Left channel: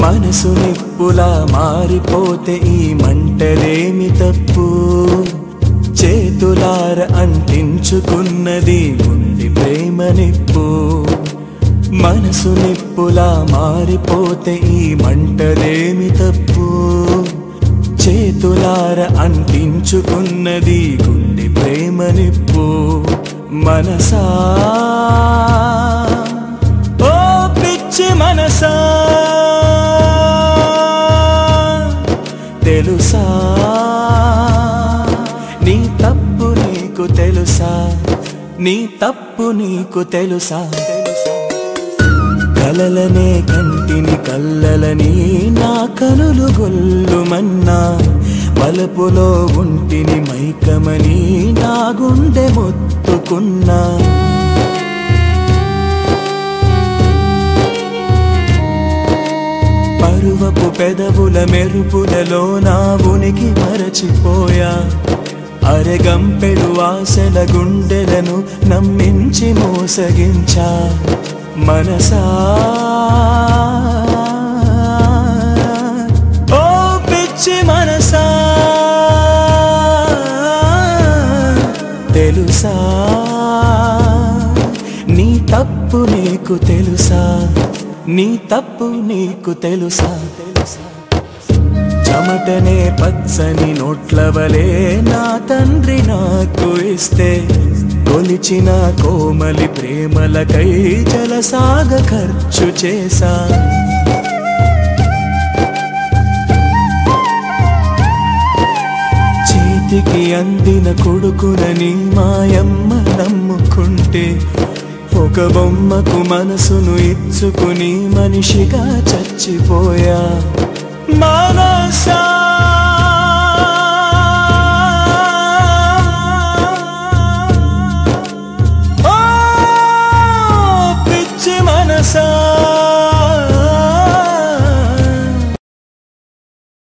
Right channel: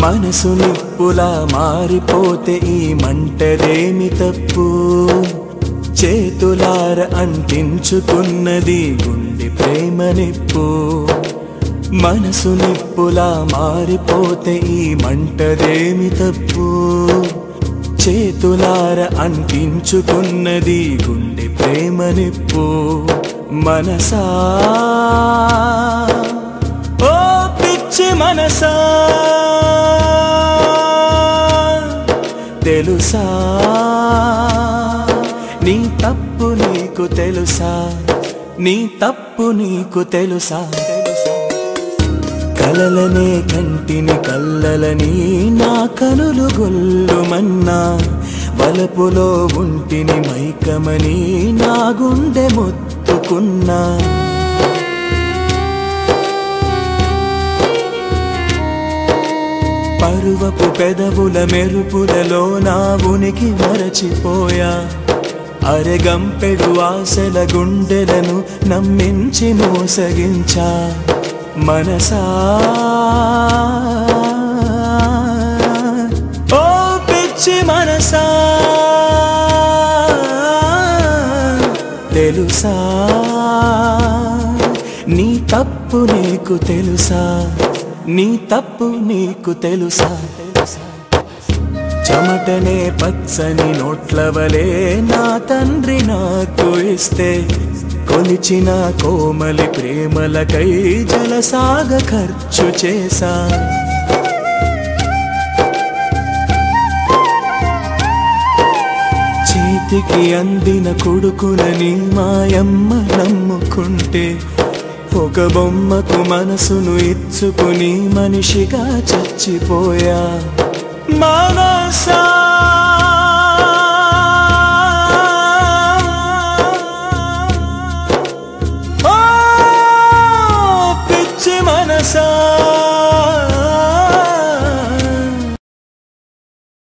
మనసు నిప్పులా మారిపోతే ఈ మంటదేమి తప్పు చేతులార అంటించుకున్నది గుండె ప్రేమ నిప్పు మనసు నిప్పులా మారిపోతే ఈ మంటదేమి తప్పు చేతులార అంటించుకున్నది గుండె ప్రేమ నిప్పు మనసా ఓ పిచ్చి మనసా తెలుసా నీ తప్పు నీకు తెలుసా నీ తప్పు నీకు తెలుసా కలలనే కంటిని కల్లలని నా కనులు గొల్లుమన్నా బలపులో ఉంటిని మైకమని నా గుండె మొత్తుకున్నా పరువపు పెదవుల మెరుపులలో నా ఉనికి మరచిపోయా అరెగంపెడు ఆశల గుండెలను నమ్మించి మోసగించా మనసా ఓ పిచ్చి మనసా తెలుసా నీ తప్పు నీకు తెలుసా నీ తప్పు నీకు తెలుసా చెమటనే పచ్చని నోట్లవలే నా తండ్రి నాకు ఇస్తే కొలిచిన కోమలి ప్రేమలకై జలసాగ ఖర్చు చేసా చేతికి అందిన కొడుకునని మాయమ్మ నమ్ముకుంటే ఒక బొమ్మకు మనసును ఇచ్చుకుని మనిషిగా చచ్చిపోయా మనసా